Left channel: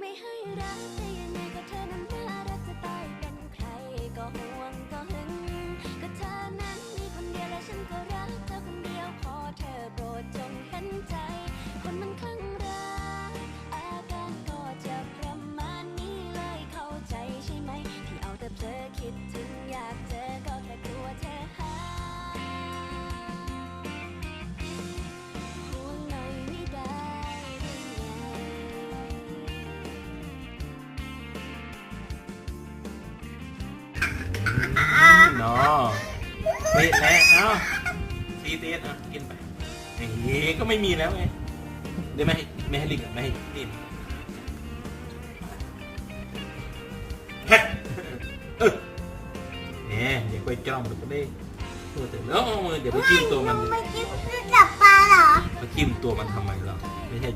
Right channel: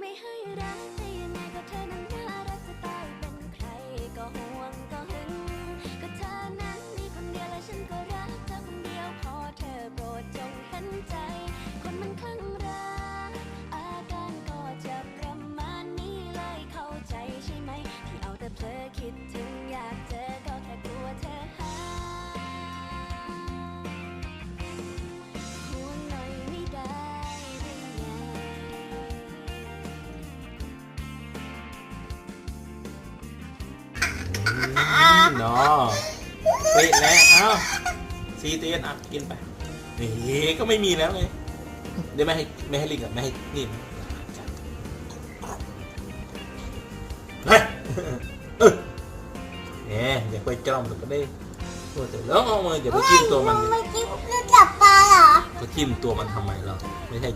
ไม่ให้รักแต่ยังไงก็เธอนั้นน่ารักจะตายเป็นใครก็ห่วงก็หึง ก็เธอนั้นมีคนเดียวและฉันก็รักเธอคนเดียวขอเธอโปรดจงเห็นใจ คนมันคลั่งรักอาการก็จะประมาณนี้เลยเข้าใจใช่ไหมที่เอาแต่เพลอคิดถึงอยากเจอ เนาะเฮ้ยแล้วเอ้าซีเตียนอะกินไปเฮ้ยก็ไม่มีแล้วไงเดี๋ยวไม่ให้ไม่ให้ลิงอะไม่ให้นี่มันเฮ้ยเออเนี่ยอย่าไปจ้องมันก็ได้เออแต่แล้วเอามือเดี๋ยวไปจิ้มตัวมัน ไม่กินจับปลาเหรอ จะจิ้มตัวมันทำไมเราไม่ใช่